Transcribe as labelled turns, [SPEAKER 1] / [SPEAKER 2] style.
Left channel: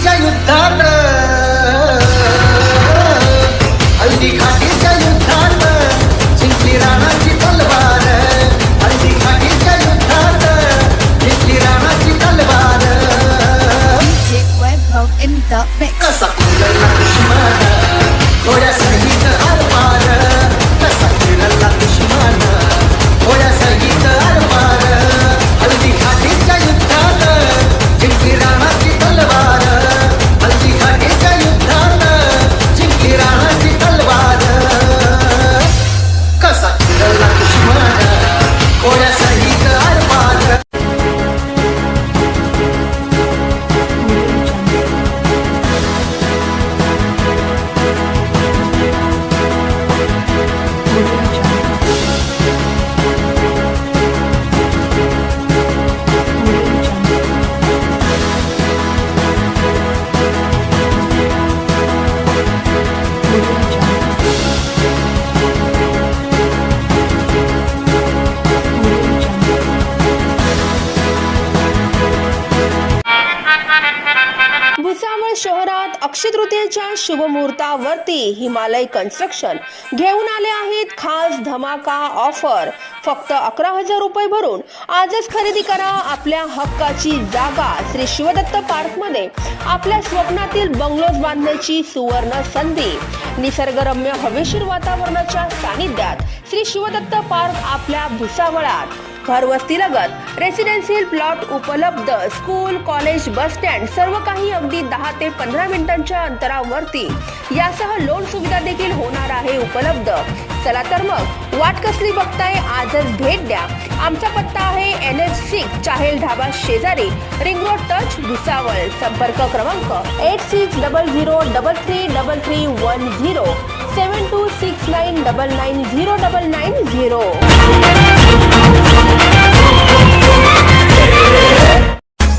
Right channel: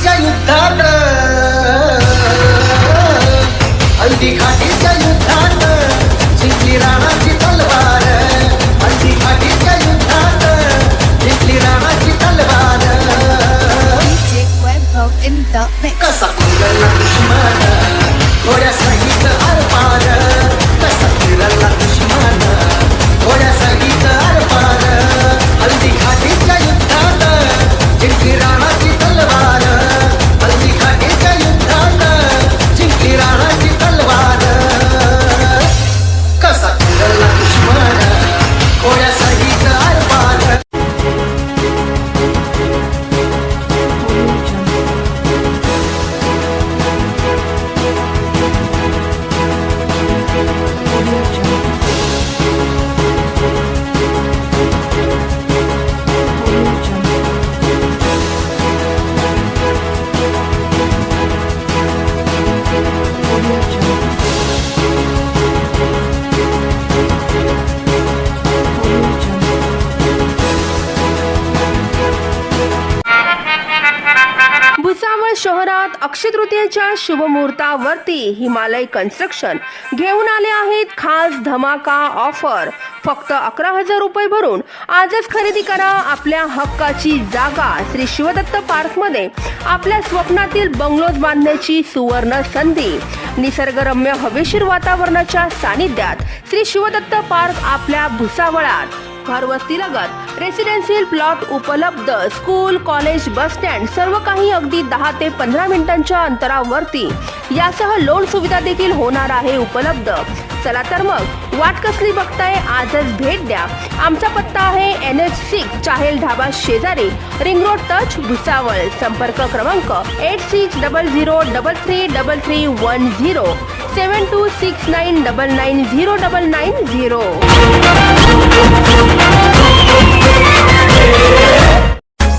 [SPEAKER 1] घाटीच्या युद्धात हल्दी घाटीच्या युद्धात जिंकली राणाची तलवार. हल्दी घाटीच्या युद्धात जिंकली राणाची तलवार. कसा दुश्मन घोड्या सहित
[SPEAKER 2] शहरात अक्षय तृतीयेच्या शुभमुहूर्तावरती हिमालय कन्स्ट्रक्शन घेऊन आले आहेत खास धमाका ऑफर फक्त अकरा हजार रुपये भरून आजच खरेदी करा आपल्या हक्काची जागा श्री शिवदत्त पार्कमध्ये. आपल्या स्वप्नातील बंगलोज बांधण्याची सुवर्ण संधी. निसर्गरम्य हवेशीर वातावरणाच्या सानिध्यात श्री शिवदत्त पार्क आपल्या भुसावळात. घरवस्तीलगत रेसिडेन्शियल प्लॉट उपलब्ध. स्कूल कॉलेज बस स्टँड सर्व काही अगदी दहा ते पंधरा मिनिटांच्या अंतरावरती. यासह लोन सुविधा देखील होणार आहे उपलब्ध. चला तर मग वाट कसली बघताय आजच भेट द्या. आमचा पत्ता आहे N H six Chahel dhaba शेजारी. Ring road touch Bhusawal. संपर्क क्रमांक eight six double zero double three double three one zero seven two six nine double nine zero double nine zero